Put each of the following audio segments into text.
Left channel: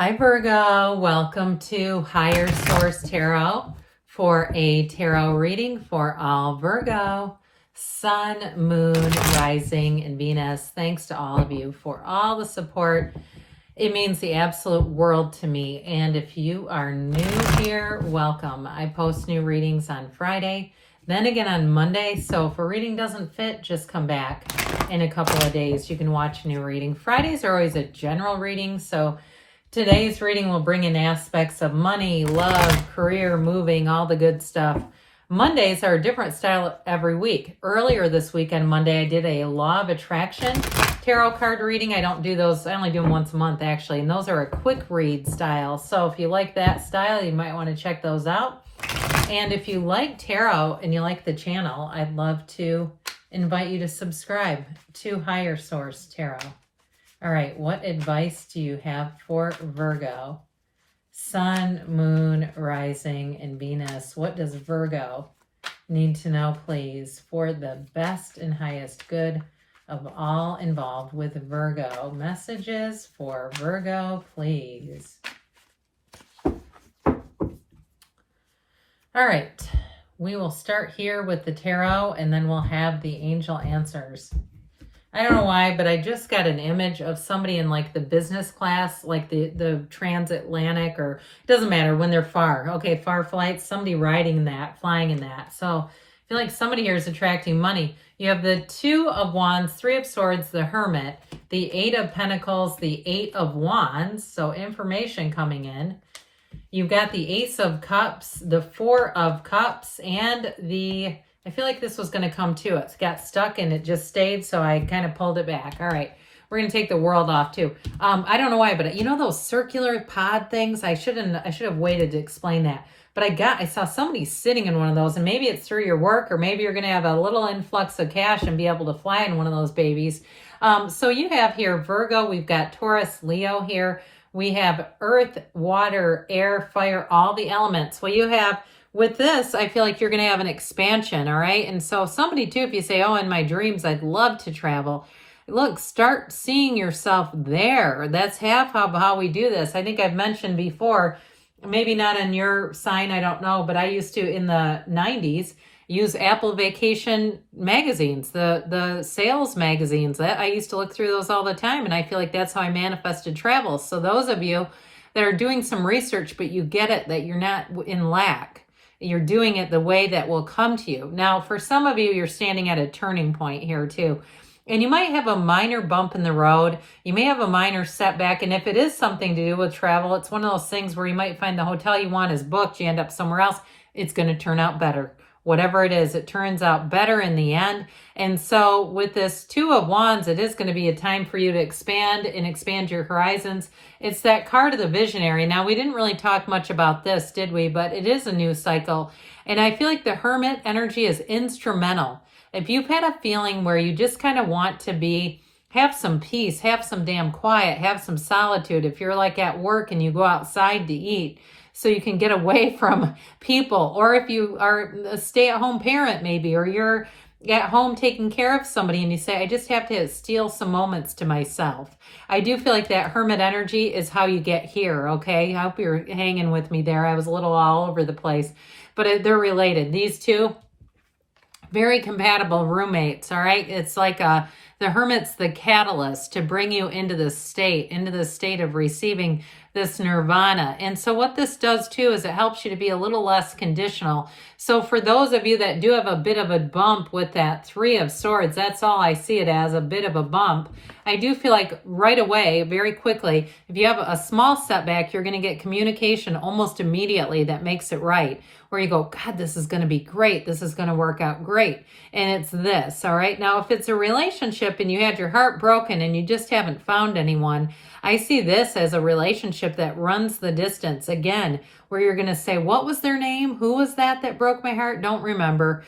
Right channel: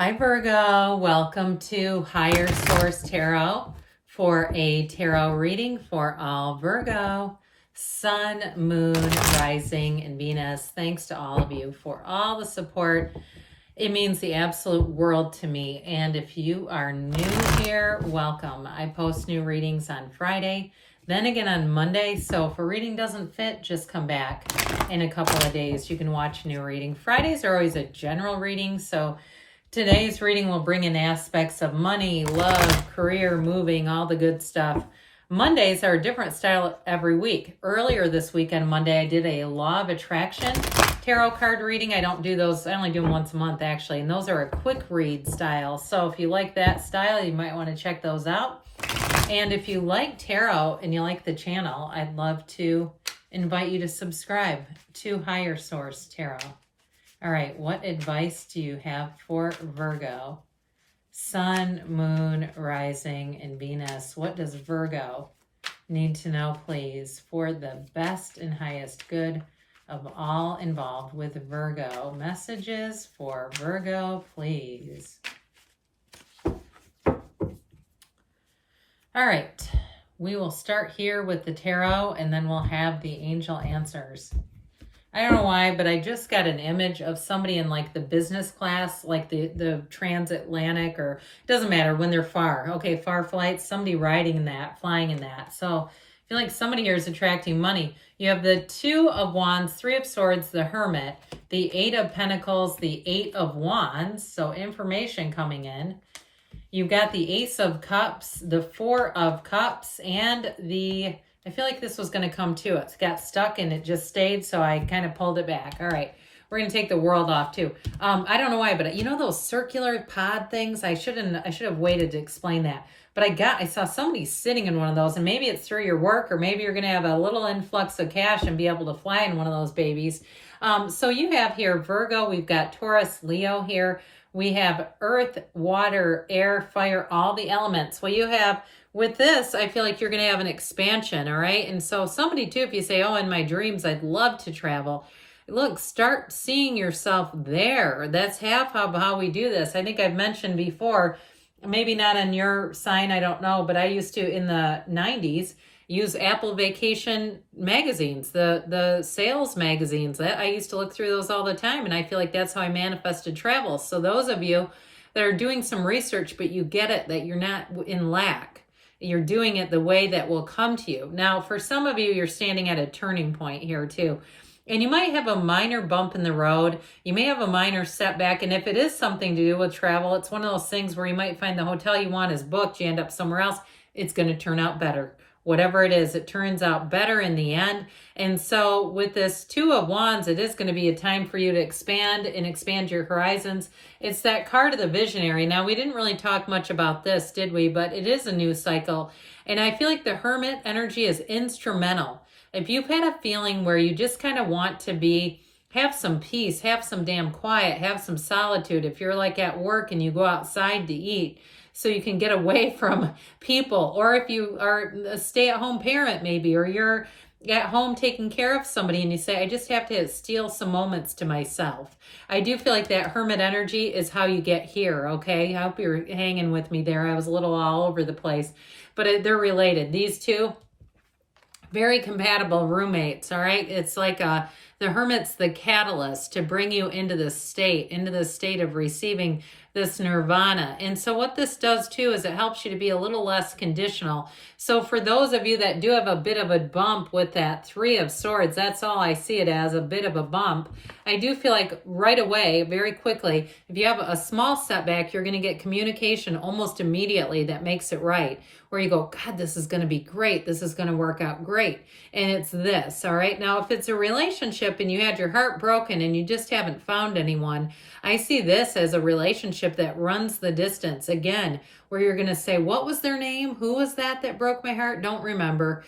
Hi Virgo, welcome to Higher Source Tarot for a tarot reading for all Virgo, Sun, Moon, Rising, and Venus. Thanks to all of you for all the support. It means the absolute world to me. And if you are new here, welcome. I post new readings on Friday, then again on Monday. So if a reading doesn't fit, just come back in a couple of days. You can watch a new reading. Fridays are always a general reading, so today's reading will bring in aspects of money, love, career, moving, all the good stuff. Mondays are a different style every week. Earlier this week on Monday, I did a Law of Attraction tarot card reading. I don't do those. I only do them once a month, actually. And those are a quick read style. So if you like that style, you might want to check those out. And if you like tarot and you like the channel, I'd love to invite you to subscribe to Higher Source Tarot. All right, what advice do you have for Virgo? Sun, Moon, Rising, and Venus. What does Virgo need to know, please, for the best and highest good of all involved with Virgo? Messages for Virgo, please. All right, we will start here with the tarot, and then we'll have the angel answers. I don't know why, but I just got an image of somebody in like the business class, like the transatlantic, or it doesn't matter when they're far. Okay, far flights, somebody riding in that, flying in that. So I feel like somebody here is attracting money. You have the Two of Wands, Three of Swords, the Hermit, the Eight of Pentacles, the Eight of Wands. So information coming in. You've got the Ace of Cups, the Four of Cups, and I feel like this was going to come too. It got stuck and it just stayed, so I kind of pulled it back. All right, we're going to take the World off too. I don't know why, but you know those circular pod things? I should have waited to explain that. But I saw somebody sitting in one of those, and maybe it's through your work, or maybe you're going to have a little influx of cash and be able to fly in one of those babies. So you have here Virgo, we've got Taurus, Leo here. We have earth, water, air, fire, all the elements. Well, you have, with this, I feel like you're going to have an expansion, all right? And so somebody too, if you say, oh, in my dreams, I'd love to travel. Look, start seeing yourself there. That's half how we do this. I think I've mentioned before, maybe not in your sign, I don't know, but I used to, in the 90s, use Apple Vacation magazines, the sales magazines. That I used to look through those all the time, and I feel like that's how I manifested travel. So those of you that are doing some research, but you get it, that you're not in lack. You're doing it the way that will come to you. Now, for some of you, you're standing at a turning point here too. And you might have a minor bump in the road. You may have a minor setback. And if it is something to do with travel, it's one of those things where you might find the hotel you want is booked. You end up somewhere else. It's going to turn out better. Whatever it is, it turns out better in the end. And so with this Two of Wands, it is going to be a time for you to expand and expand your horizons. It's that card of the visionary. Now, we didn't really talk much about this, did we? But it is a new cycle. And I feel like the Hermit energy is instrumental. If you've had a feeling where you just kind of want to have some peace, have some damn quiet, have some solitude. If you're like at work and you go outside to eat, so you can get away from people, or if you are a stay-at-home parent maybe, or you're at home taking care of somebody and you say, I just have to steal some moments to myself. I do feel like that Hermit energy is how you get here, okay? I hope you're hanging with me there. I was a little all over the place, but they're related. These two, very compatible roommates, all right? It's like the Hermit's the catalyst to bring you into the state of receiving this nirvana. And so what this does too is it helps you to be a little less conditional. So for those of you that do have a bit of a bump with that Three of Swords, that's all I see it as, a bit of a bump. I do feel like right away, very quickly, if you have a small setback, you're going to get communication almost immediately that makes it right. Where you go, God, this is going to be great. This is going to work out great. And it's this, all right? Now, if it's a relationship and you had your heart broken and you just haven't found anyone, I see this as a relationship that runs the distance. Again, where you're going to say, what was their name? Who was that broke my heart? Don't remember.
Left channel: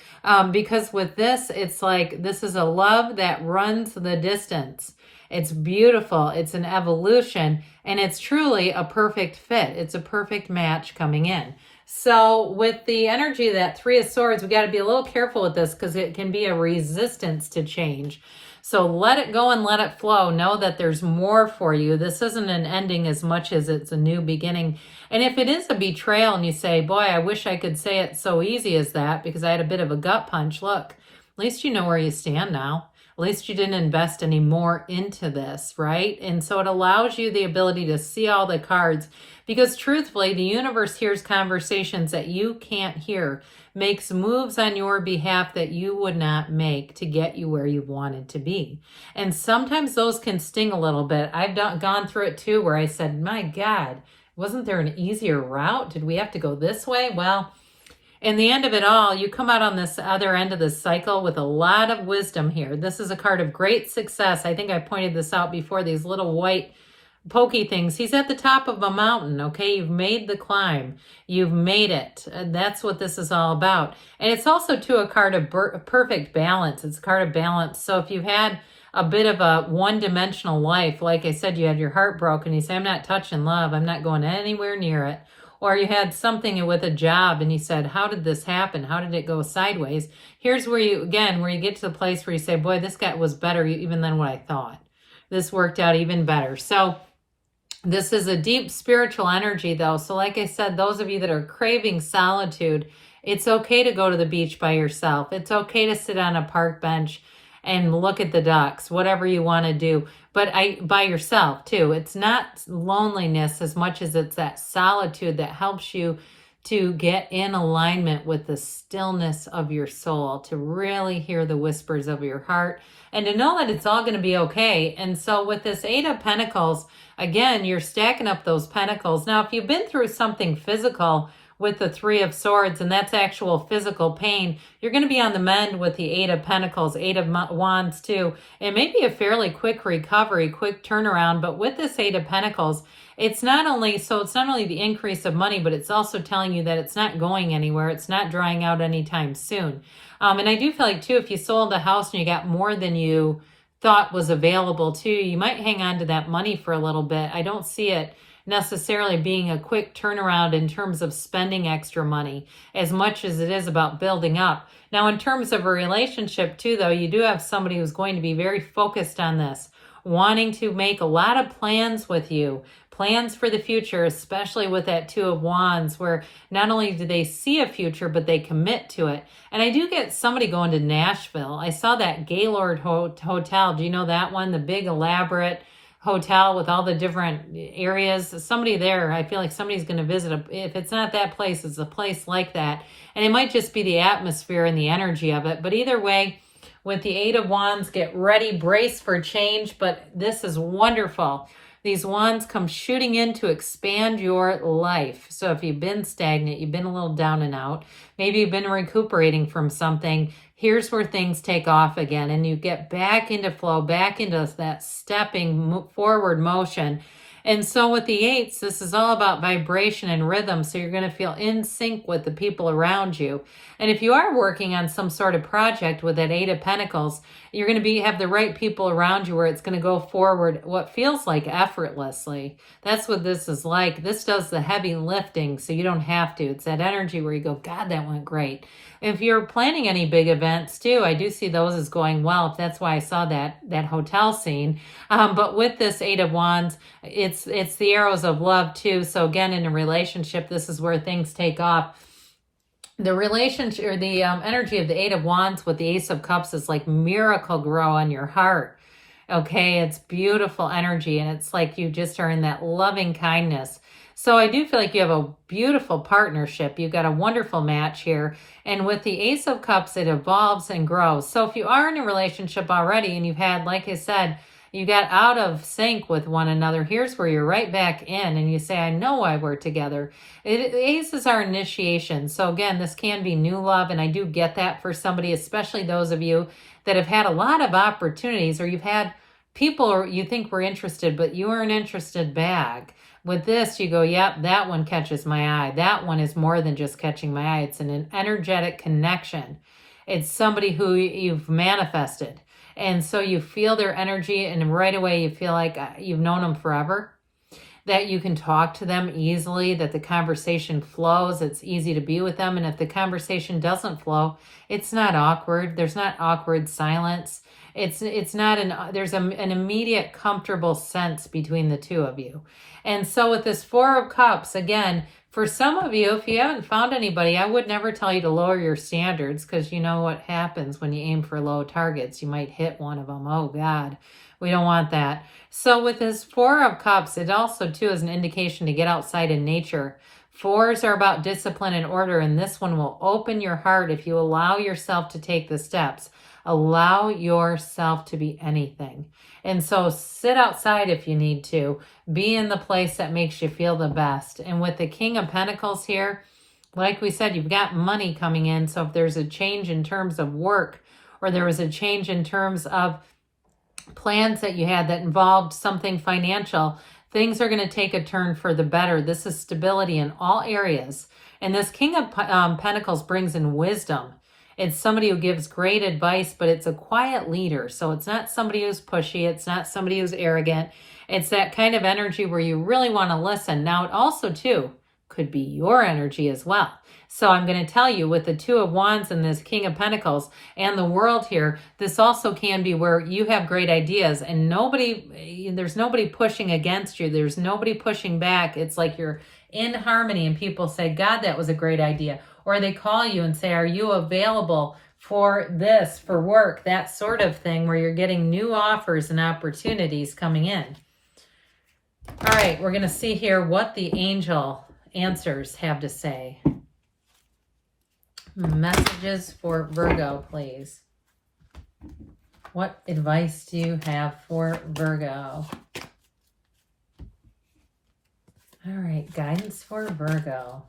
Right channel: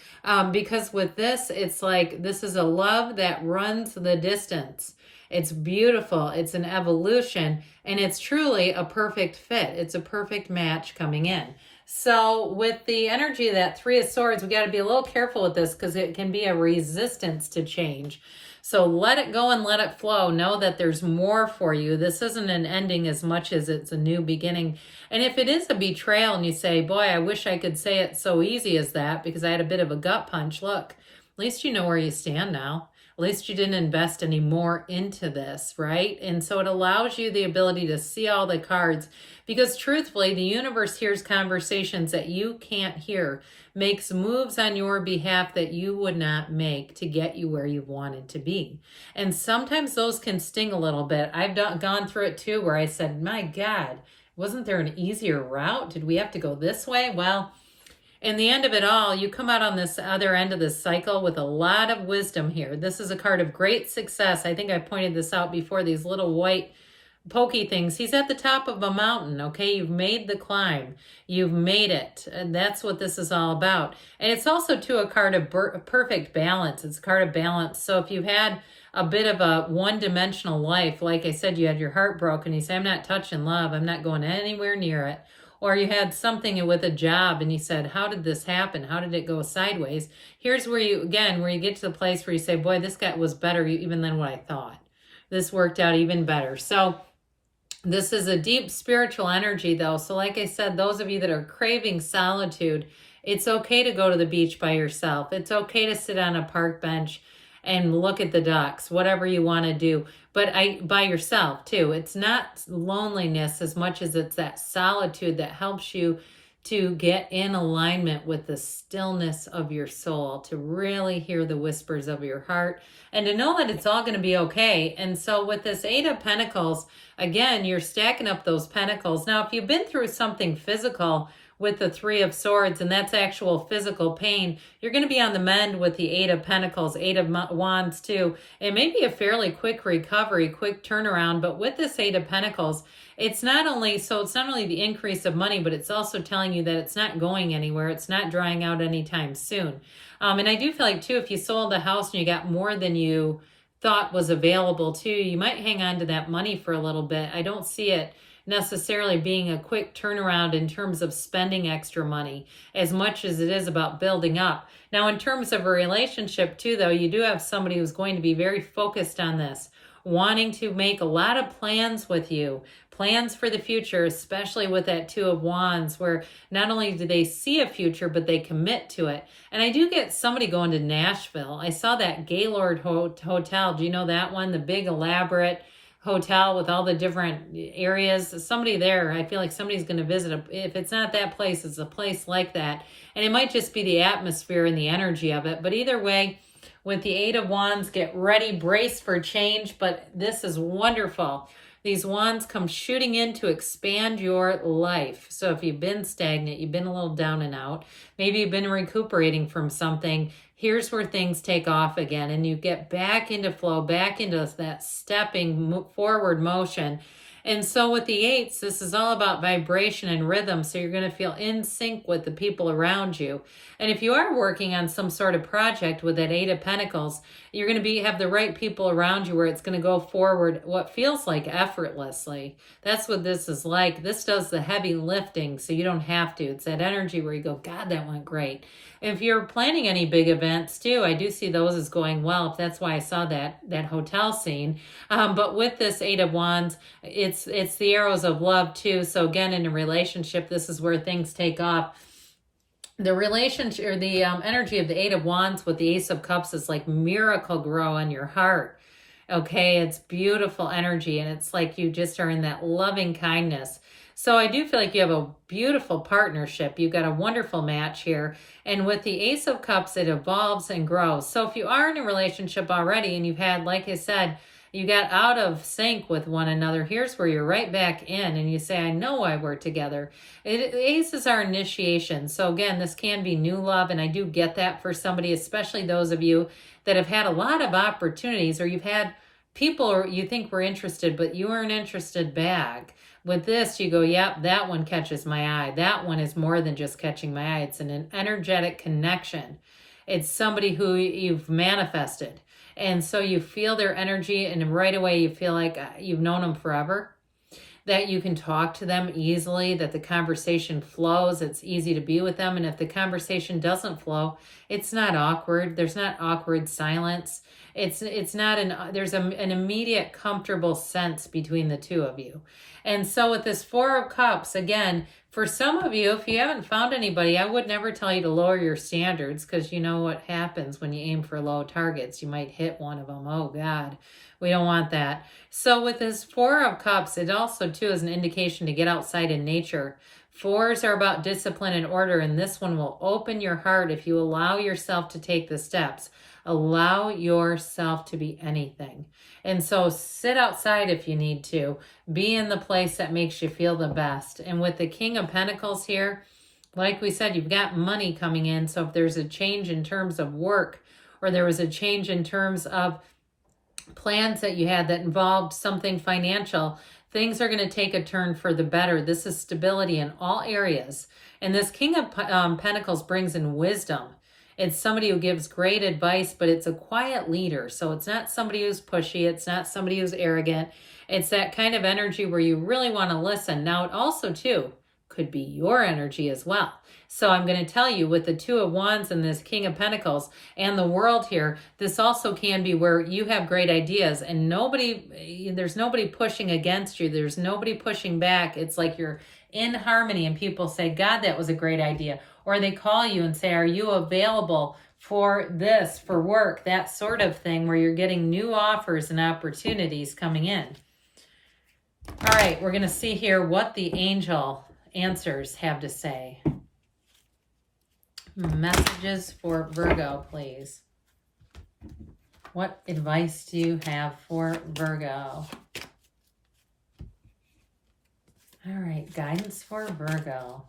Because with this, it's like this is a love that runs the distance. It's beautiful. It's an evolution. And it's truly a perfect fit. It's a perfect match coming in. So with the energy of that Three of Swords, we got to be a little careful with this because it can be a resistance to change. So let it go and let it flow. Know that there's more for you. This isn't an ending as much as it's a new beginning. And if it is a betrayal and you say, boy, I wish I could say it so easy as that because I had a bit of a gut punch. Look, at least you know where you stand now. At least you didn't invest any more into this, right? And so it allows you the ability to see all the cards because truthfully, the universe hears conversations that you can't hear, makes moves on your behalf that you would not make to get you where you wanted to be. And sometimes those can sting a little bit. I've gone through it too, where I said, my God, wasn't there an easier route? Did we have to go this way? Well, in the end of it all, you come out on this other end of this cycle with a lot of wisdom here. This is a card of great success. I think I pointed this out before, these little white pokey things. He's at the top of a mountain, okay? You've made the climb. You've made it. And that's what this is all about. And it's also, too, a card of perfect balance. It's a card of balance. So if you've had a bit of a one-dimensional life, like I said, you had your heart broken, you say, I'm not touching love. I'm not going anywhere near it. Or you had something with a job and you said, how did this happen? How did it go sideways? Here's where you, again, where you get to the place where you say, boy, this guy was better even than what I thought. This worked out even better. So this is a deep spiritual energy though. So like I said, those of you that are craving solitude, it's okay to go to the beach by yourself. It's okay to sit on a park bench and look at the ducks, whatever you want to do. But by yourself too. It's not loneliness as much as it's that solitude that helps you to get in alignment with the stillness of your soul, to really hear the whispers of your heart, and to know that it's all going to be okay. And so with this Eight of Pentacles, again, you're stacking up those pentacles. Now, if you've been through something physical with the Three of Swords, and that's actual physical pain, you're going to be on the mend with the Eight of Pentacles, Eight of Wands too. It may be a fairly quick recovery, quick turnaround, but with this Eight of Pentacles, it's not only the increase of money, but it's also telling you that it's not going anywhere. It's not drying out anytime soon. And I do feel like too, if you sold a house and you got more than you thought was available to you, you might hang on to that money for a little bit. I don't see it necessarily being a quick turnaround in terms of spending extra money as much as it is about building up. Now, in terms of a relationship too, though, you do have somebody who's going to be very focused on this, wanting to make a lot of plans with you, plans for the future, especially with that Two of Wands, where not only do they see a future, but they commit to it. And I do get somebody going to Nashville. I saw that Gaylord Hotel. Do you know that one? The big elaborate hotel with all the different areas. Somebody there, I feel like somebody's going to visit. If it's not that place, it's a place like that. And it might just be the atmosphere and the energy of it. But either way, with the Eight of Wands, get ready, brace for change. But this is wonderful. These wands come shooting in to expand your life. So if you've been stagnant, you've been a little down and out, maybe you've been recuperating from something, here's where things take off again and you get back into flow, back into that stepping forward motion. And so with the eights, this is all about vibration and rhythm. So you're going to feel in sync with the people around you. And if you are working on some sort of project with that Eight of Pentacles, you're going to have the right people around you where it's going to go forward what feels like effortlessly. That's what this is like. This does the heavy lifting so you don't have to. It's that energy where you go, God, that went great. If you're planning any big events too, I do see those as going well. That's why I saw that hotel scene. But with this Eight of Wands, it's the arrows of love too. So again, in a relationship, this is where things take off. The relationship or the energy of the Eight of Wands with the Ace of Cups is like miracle grow on your heart. Okay, it's beautiful energy and it's like you just are in that loving kindness. So I do feel like you have a beautiful partnership. You've got a wonderful match here. And with the Ace of Cups, it evolves and grows. So if you are in a relationship already and you've had, like I said, you got out of sync with one another, here's where you're right back in and you say, I know why we're together. Ace is our initiation. So again, this can be new love. And I do get that for somebody, especially those of you that have had a lot of opportunities or you've had people you think were interested, but you weren't interested back. With this, you go, yep, that one catches my eye. That one is more than just catching my eye. It's an energetic connection. It's somebody who you've manifested. And so you feel their energy and right away you feel like you've known them forever. that you can talk to them easily, that the conversation flows, it's easy to be with them. And if the conversation doesn't flow, it's not awkward. There's not awkward silence. It's not there's an immediate comfortable sense between the two of you. And so with this Four of Cups, again, for some of you, if you haven't found anybody, I would never tell you to lower your standards, because you know what happens when you aim for low targets. You might hit one of them. Oh God, we don't want that. So with this Four of Cups, it also too is an indication to get outside in nature. Fours are about discipline and order, and this one will open your heart if you allow yourself to take the steps. Allow yourself to be anything. And so sit outside if you need to. Be in the place that makes you feel the best. And with the King of Pentacles here, like we said, you've got money coming in. So if there's a change in terms of work, or there was a change in terms of plans that you had that involved something financial, things are going to take a turn for the better. This is stability in all areas. And this King of Pentacles brings in wisdom. It's somebody who gives great advice, but it's a quiet leader. So it's not somebody who's pushy. It's not somebody who's arrogant. It's that kind of energy where you really want to listen. Now, it also, too, could be your energy as well. So I'm going to tell you, with the Two of Wands and this King of Pentacles and the World here, this also can be where you have great ideas and there's nobody pushing against you. There's nobody pushing back. It's like you're in harmony and people say, God, that was a great idea. Or they call you and say, are you available for this, for work, that sort of thing, where you're getting new offers and opportunities coming in. All right, we're going to see here what the angel answers have to say. Messages for Virgo, please. What advice do you have for Virgo? All right, guidance for Virgo.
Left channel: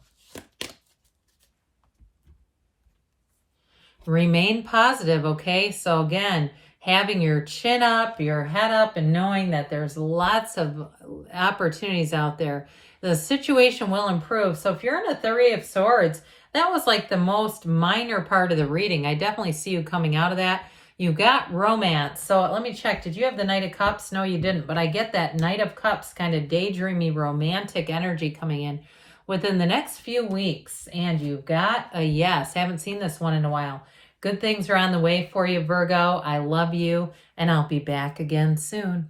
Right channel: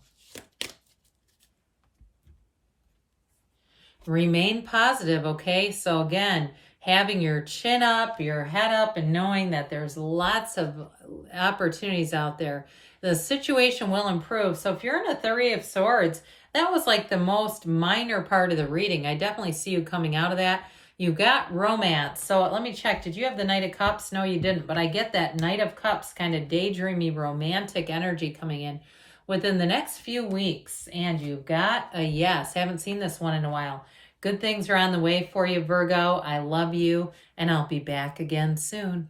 Remain positive, okay? So again, having your chin up, your head up, and knowing that there's lots of opportunities out there. The situation will improve. So if you're in a Three of Swords, that was like the most minor part of the reading. I definitely see you coming out of that. You got romance. So let me check. Did you have the Knight of Cups? No, you didn't. But I get that Knight of Cups kind of daydreamy, romantic energy coming in within the next few weeks. And you've got a yes. Haven't seen this one in a while. Good things are on the way for you, Virgo. I love you, and I'll be back again soon.